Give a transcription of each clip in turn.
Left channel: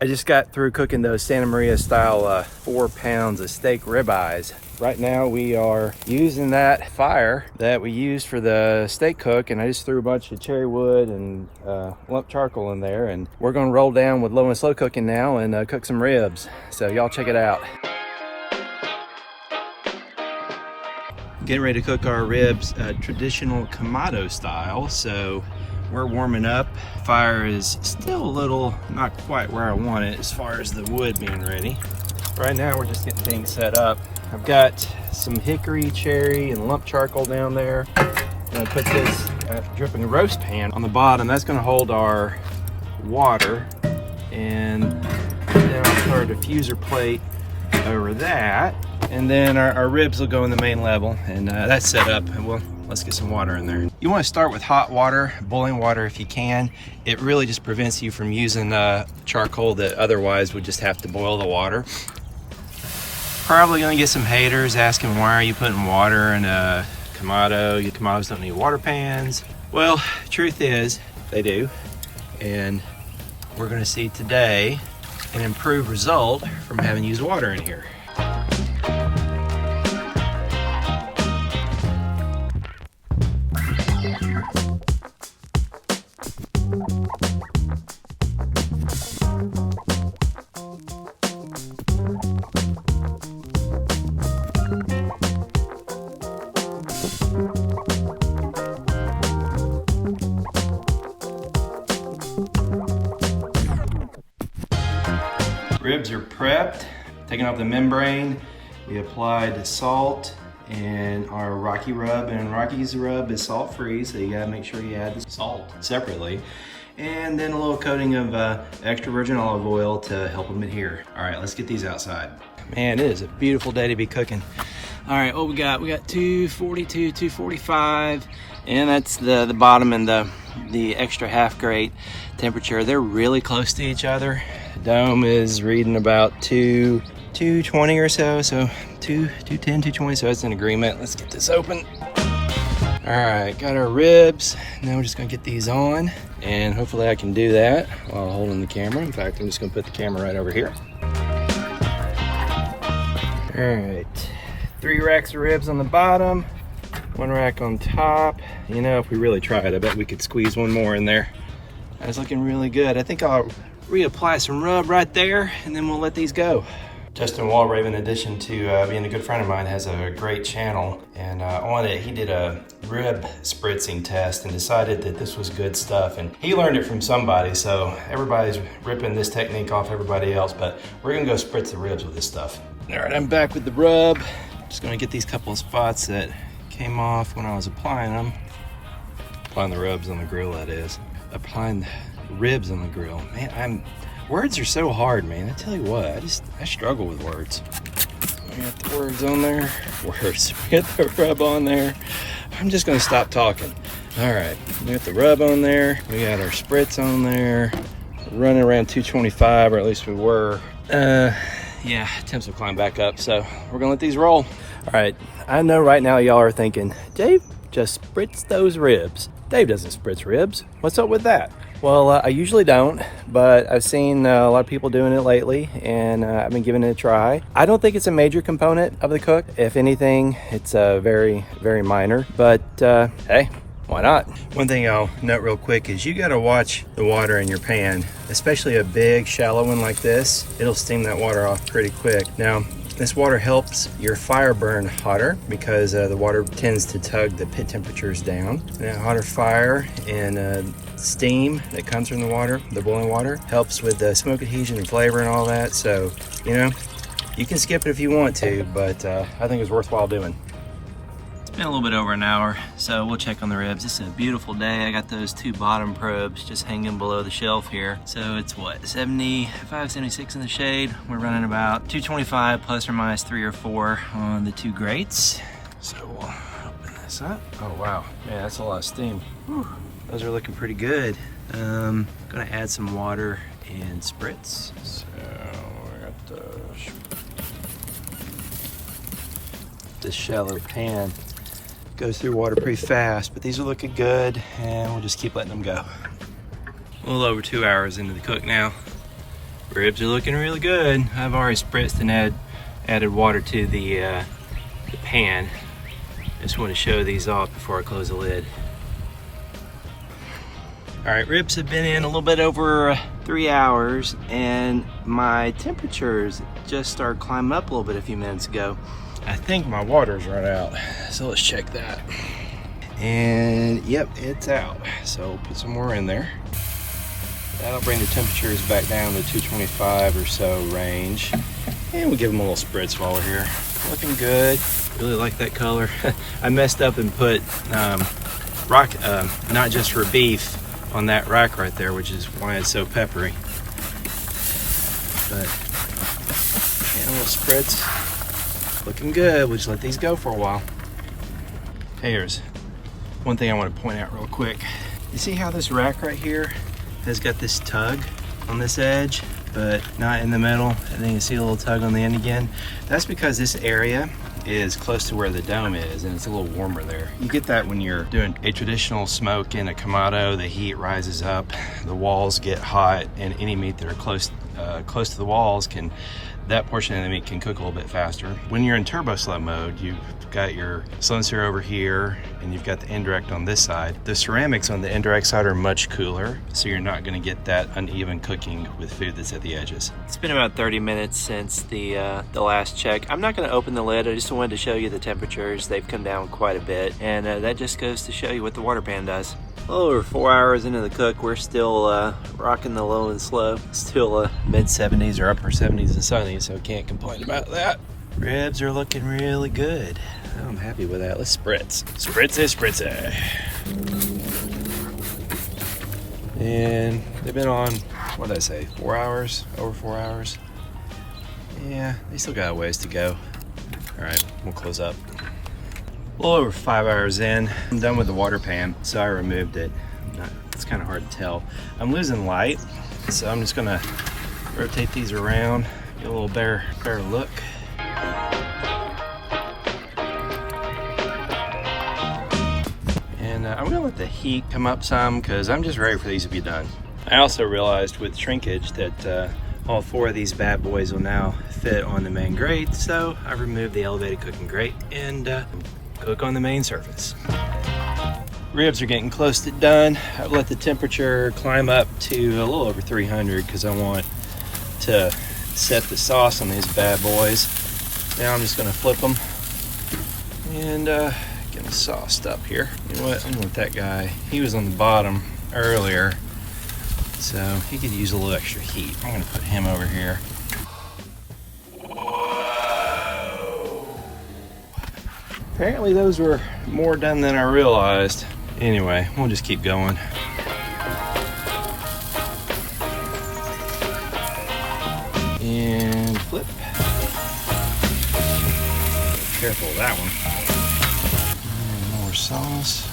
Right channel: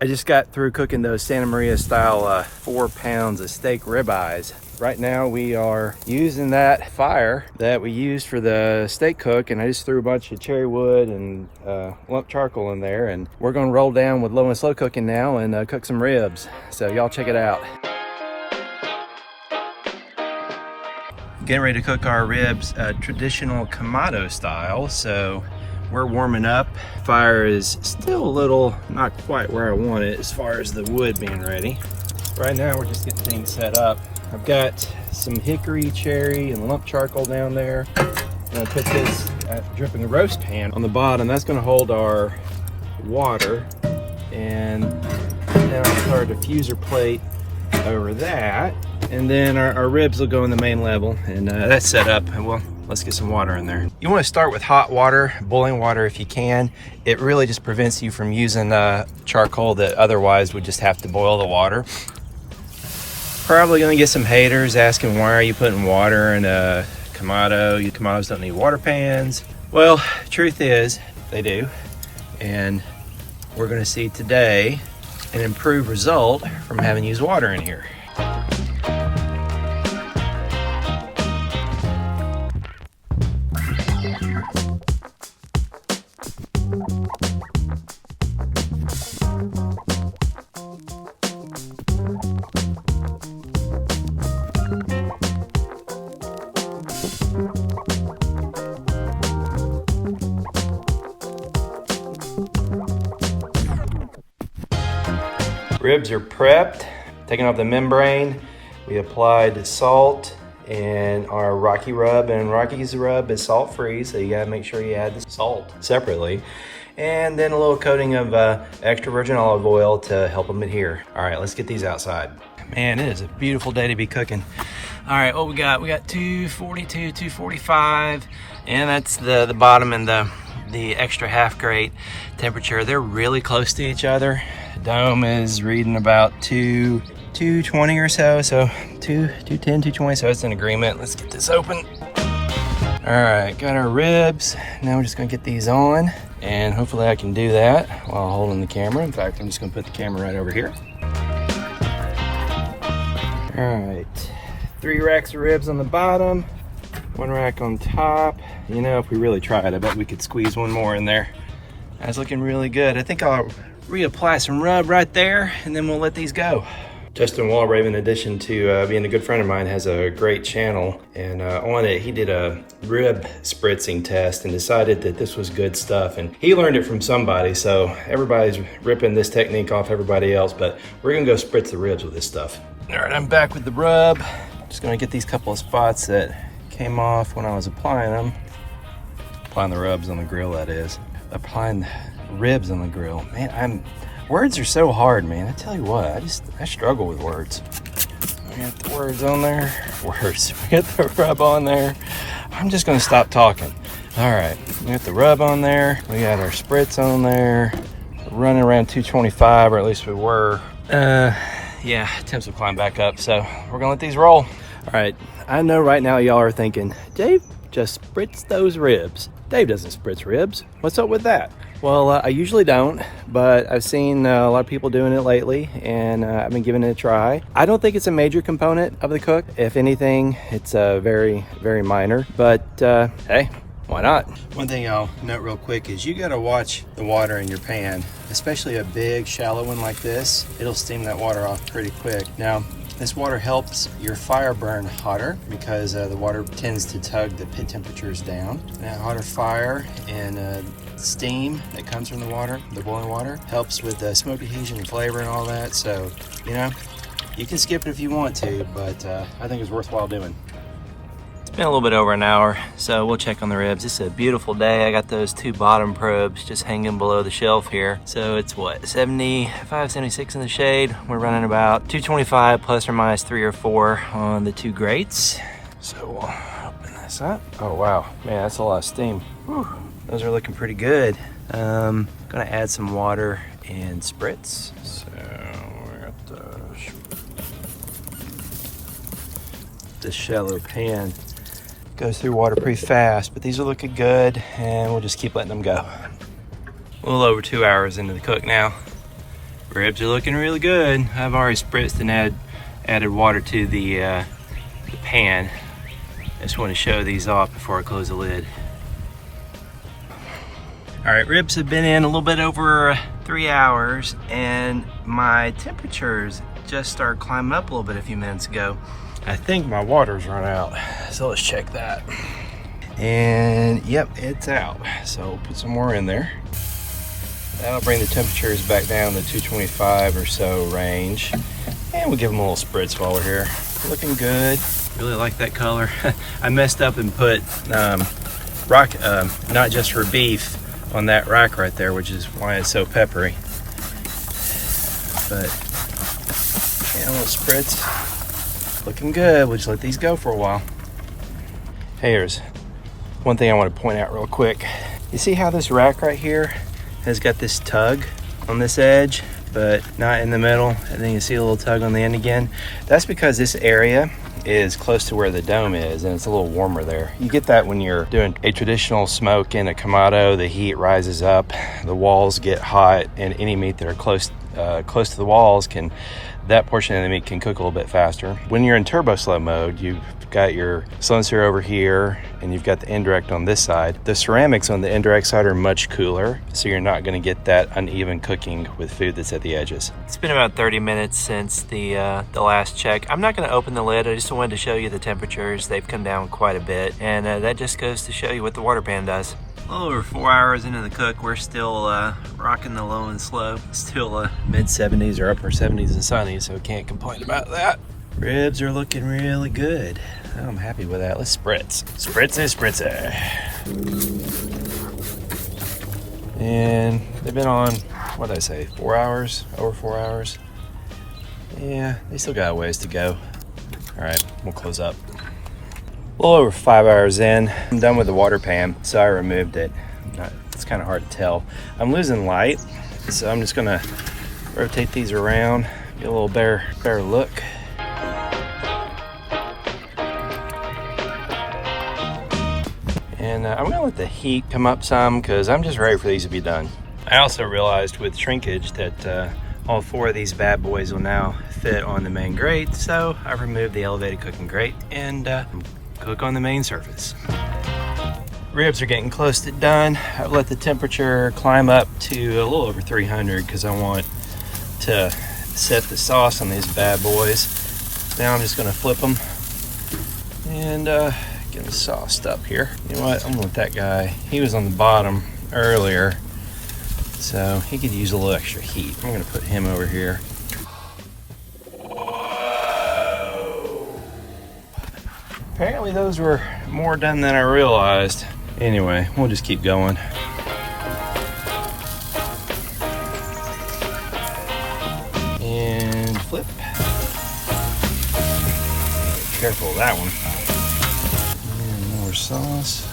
I just got through cooking those Santa Maria style 4 pounds of steak ribeyes. Right now we are using that fire that we used for the steak cook, and I just threw a bunch of cherry wood and lump charcoal in there, and we're gonna roll down with low and slow cooking now and cook some ribs. So y'all check it out. Getting ready to cook our ribs traditional Kamado style. So we're warming up. Fire is still a little not quite where I want it as far as the wood being ready. Right now we're just getting things set up. I've got some hickory, cherry, and lump charcoal down there. I'm gonna put this dripping roast pan on the bottom. That's gonna hold our water. And now I'll put our diffuser plate over that. And then our ribs will go in the main level. And that's set up. And well, let's get some water in there. You wanna start with hot water, boiling water if you can. It really just prevents you from using charcoal that otherwise would just have to boil the water. Probably gonna get some haters asking, why are you putting water in a Kamado? Kamados don't need water pans. Well, truth is, they do. And we're gonna see today an improved result from having used water in here. Ribs are prepped, taking off the membrane. We applied the salt and our Rocky rub, and Rocky's rub is salt free, so you gotta make sure you add the salt separately. And then a little coating of extra virgin olive oil to help them adhere. All right, let's get these outside. Man, it is a beautiful day to be cooking. All right, what we got? We got 242, 245, and that's the bottom and the extra half grate temperature. They're really close to each other. Dome is reading about 220 or so, 210, 220, so it's an agreement. Let's get this open. All right, got our ribs. Now we're just gonna get these on, and hopefully I can do that while holding the camera. In fact, I'm just gonna put the camera right over here. All right, 3 racks of ribs on the bottom, 1 rack on top. You know, if we really tried, I bet we could squeeze one more in there. That's looking really good. I think I'll reapply some rub right there, and then we'll let these go. Justin Walrave, in addition to being a good friend of mine, has a great channel, and on it he did a rib spritzing test and decided that this was good stuff, and he learned it from somebody, so everybody's ripping this technique off everybody else, but we're gonna go spritz the ribs with this stuff. All right, I'm back with the rub. Just gonna get these couple of spots that came off when I was applying them. Applying the rubs on the grill, that is. Applying ribs on the grill. Man, words are so hard, man. I tell you what, I struggle with words. We got the words on there. Words. We got the rub on there. I'm just gonna stop talking. All right, we got the rub on there. We got our spritz on there. We're running around 225, or at least we were. Yeah, temps will climb back up, so we're gonna let these roll. All right, I know right now y'all are thinking, Dave, just spritz those ribs. Dave doesn't spritz ribs. What's up with that? Well, I usually don't, but I've seen a lot of people doing it lately, and I've been giving it a try. I don't think it's a major component of the cook. If anything, it's very, very minor, but hey, why not? One thing I'll note real quick is you gotta watch the water in your pan, especially a big, shallow one like this. It'll steam that water off pretty quick. Now, this water helps your fire burn hotter because the water tends to tug the pit temperatures down. And a hotter fire and steam that comes from the water, the boiling water, helps with the smoke adhesion and flavor and all that. So, you know, you can skip if you want to, but I think it's worthwhile doing. It's been a little bit over an hour, so we'll check on the ribs. It's a beautiful day. I got those 2 bottom probes just hanging below the shelf here. So it's what, 75, 76 in the shade. We're running about 225 plus or minus 3 or 4 on the 2 grates. So we'll open this up. Oh wow, man, that's a lot of steam. Whew. Those are looking pretty good. Gonna add some water and spritz. So we got the shallow pan. Goes through water pretty fast, but these are looking good, and we'll just keep letting them go. A little over 2 hours into the cook now, Ribs are looking really good. I've already spritzed and added water to the pan. I just want to show these off before I close the lid. All right, ribs have been in a little bit over 3 hours, and my temperatures just started climbing up a little bit a few minutes ago. I think my water's run out, so let's check that. And yep, it's out. So put some more in there. That'll bring the temperatures back down to 225 or so range. And we'll give them a little spritz while we're here. Looking good. Really like that color. I messed up and put not just for beef on that rack right there, which is why it's so peppery. But yeah, a little spritz. Looking good. We'll just let these go for a while. Hey, here's one thing I want to point out real quick. You see how this rack right here has got this tug on this edge, but not in the middle, and then you see a little tug on the end again? That's because this area is close to where the dome is, and it's a little warmer there. You get that when you're doing a traditional smoke in a Kamado. The heat rises up, the walls get hot, and any meat that are close to the walls that portion of the meat can cook a little bit faster. When you're in turbo slow mode, you've got your slow and sear over here, and you've got the indirect on this side. The ceramics on the indirect side are much cooler, so you're not gonna get that uneven cooking with food that's at the edges. It's been about 30 minutes since the last check. I'm not gonna open the lid. I just wanted to show you the temperatures. They've come down quite a bit, and that just goes to show you what the water pan does. A little over 4 hours into the cook, we're still rocking the low and slow. Still mid 70s or upper 70s and sunny, so can't complain about that. Ribs are looking really good. I'm happy with that. Let's spritz. Spritzy. And they've been on, what did I say, 4 hours? Over 4 hours? Yeah, they still got a ways to go. All right, we'll close up. A little over 5 hours in, I'm done with the water pan, so I removed it. It's kind of hard to tell. I'm losing light, so I'm just gonna rotate these around, get a little better look. And I'm gonna let the heat come up some, because I'm just ready for these to be done. I also realized with shrinkage that all 4 of these bad boys will now fit on the main grate, so I removed the elevated cooking grate and cook on the main surface. Ribs are getting close to done. I've let the temperature climb up to a little over 300 because I want to set the sauce on these bad boys. Now I'm just gonna flip them and get them sauced up here. You know what, I'm gonna let that guy, he was on the bottom earlier, so he could use a little extra heat. I'm gonna put him over here. Apparently those were more done than I realized. Anyway, we'll just keep going. And flip. Careful of that one. And more sauce.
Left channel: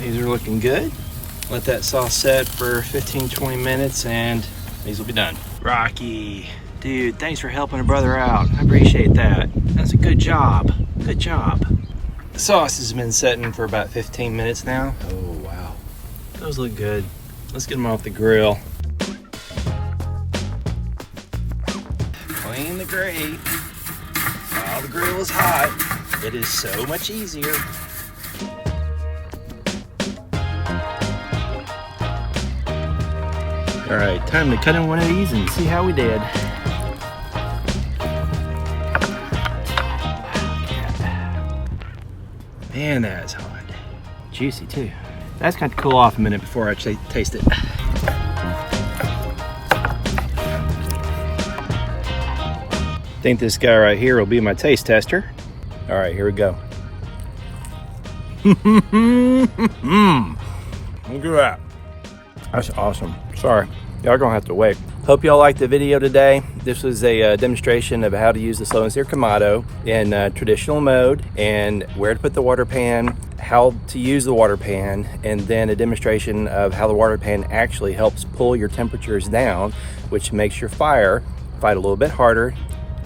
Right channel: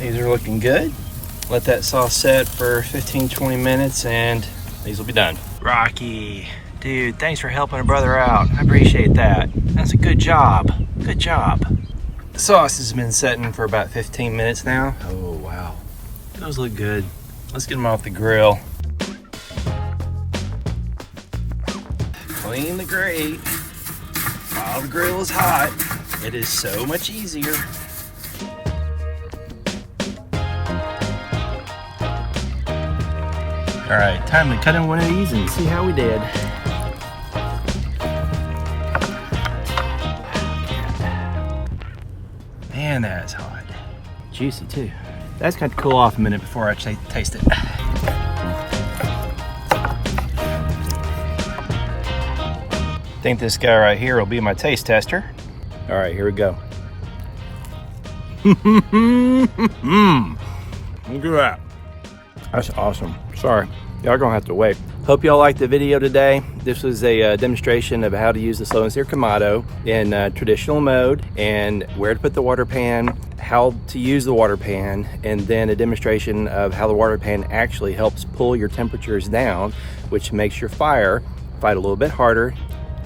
These are looking good. Let that sauce set for 15-20 minutes and these will be done. Rocky. Dude, thanks for helping a brother out. I appreciate that. That's a good job. Good job. The sauce has been setting for about 15 minutes now. Oh, wow. Those look good. Let's get them off the grill. Clean the grate. While the grill is hot, it is so much easier. All right, time to cut in one of these and see how we did. Man, that's hot. Juicy too. That's got to cool off a minute before I actually taste it. I think this guy right here will be my taste tester. All right, here we go. Look at that. That's awesome. Sorry, y'all gonna have to wait. Hope y'all liked the video today. This was a demonstration of how to use the slow and sear Kamado in traditional mode, and where to put the water pan, how to use the water pan, and then a demonstration of how the water pan actually helps pull your temperatures down, which makes your fire fight a little bit harder,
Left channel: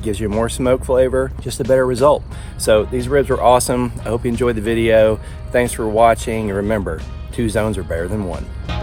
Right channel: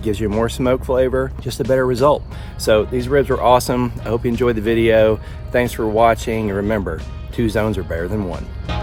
gives you more smoke flavor, just a better result. So these ribs were awesome. I hope you enjoyed the video. Thanks for watching, and remember, 2 zones are better than 1.